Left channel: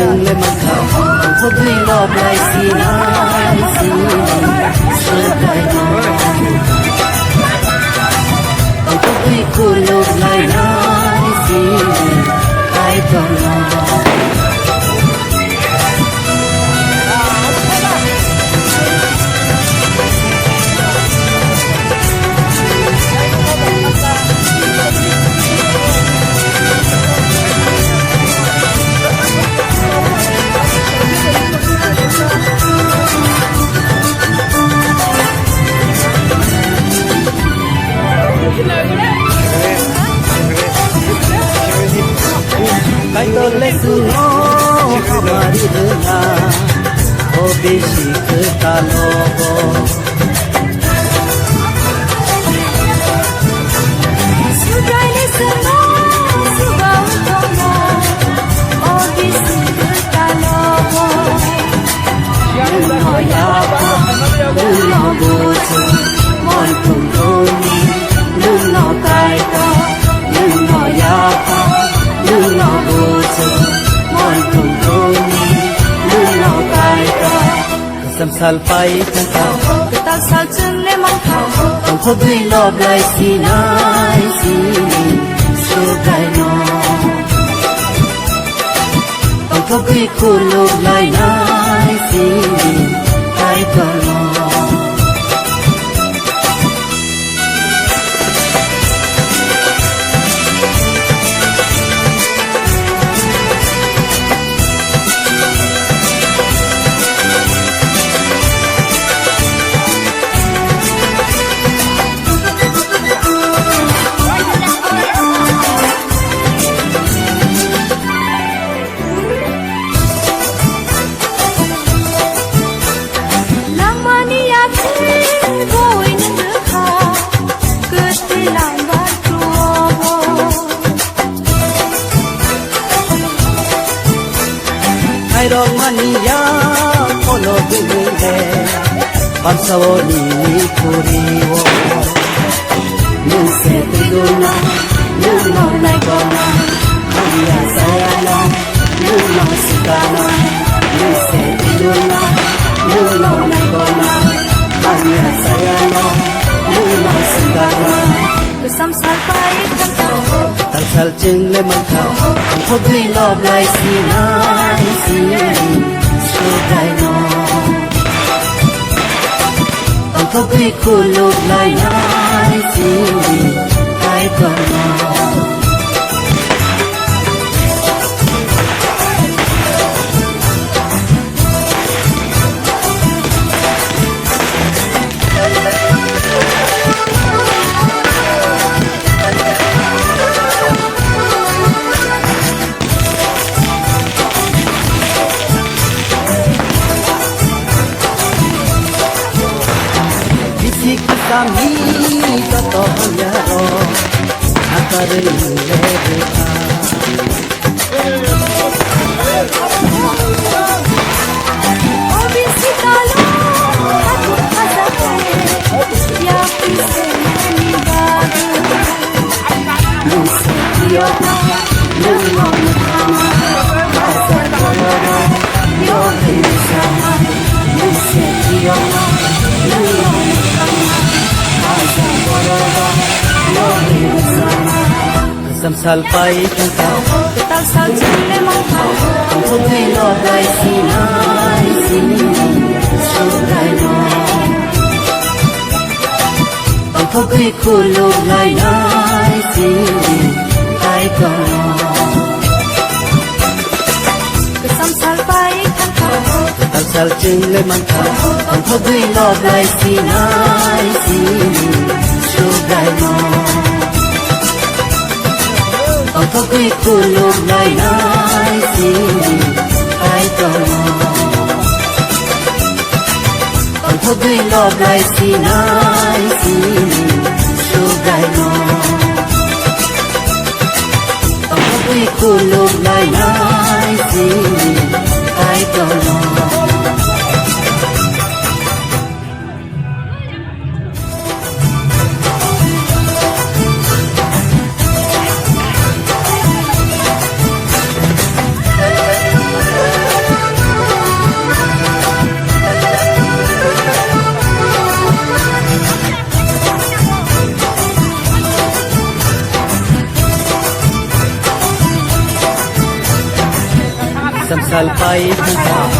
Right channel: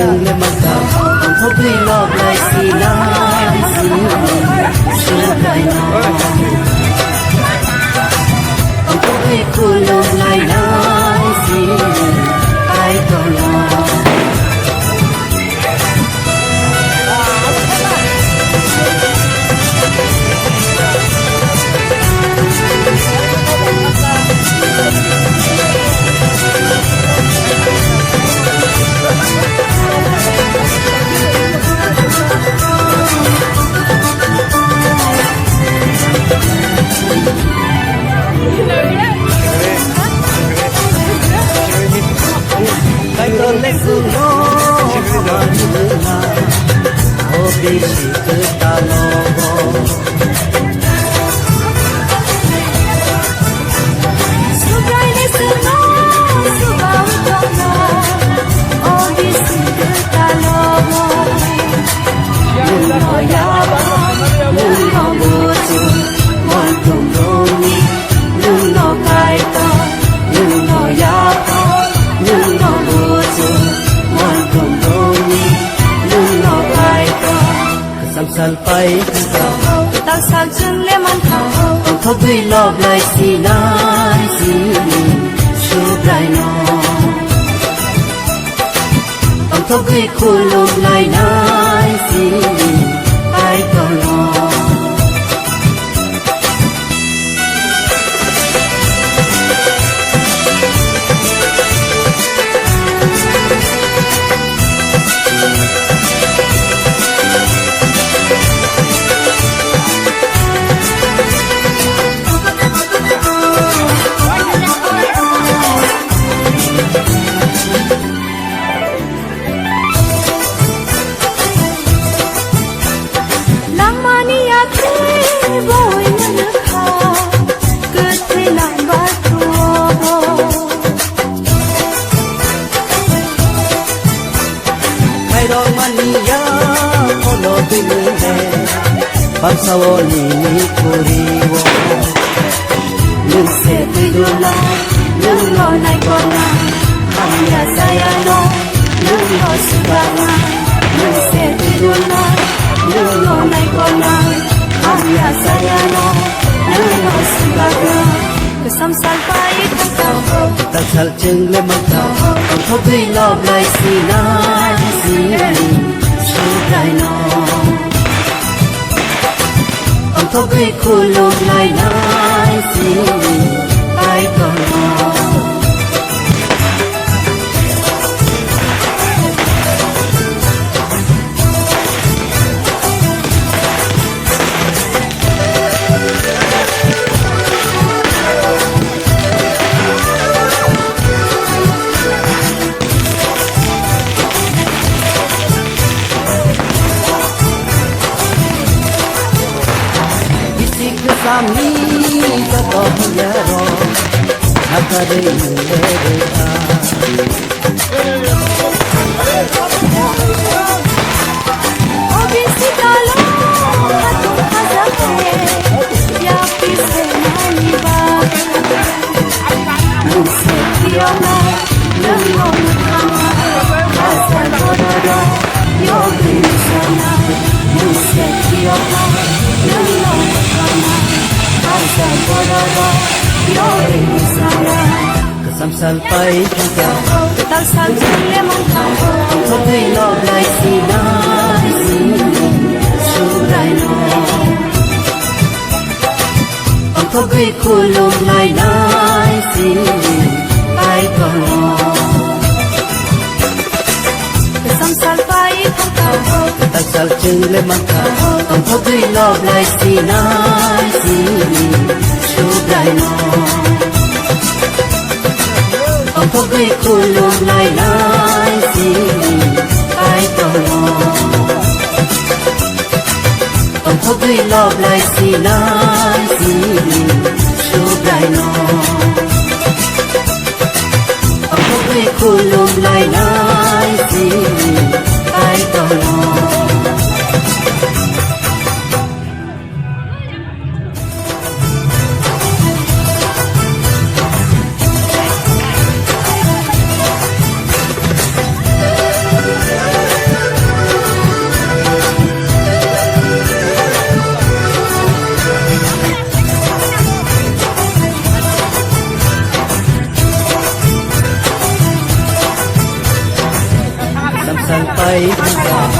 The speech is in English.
chingay magkaw ang pagay labay sila ang pagay kulong ay naisili kahit ang salpay kita tasan serleman ang pagay labay sinay sili syuday mo ang pagay kulong laynay sili kahit tolong Salcing magkaw ang pagay labay sila syuday mo ang pagay kulong laynay sili kahit tolong salpay kita tasan serleman ang pagay labay sila syuday mo ang pagay kulong laynay sili kahit tolong salpay kita salcing magkaw ang pagay labay sila syuday mo ang pagay kulong laynay sili kahit tolong ang pagay labay sinay sili syuday mo ang pagay kulong laynay sili kahit tolong লাল পায়ে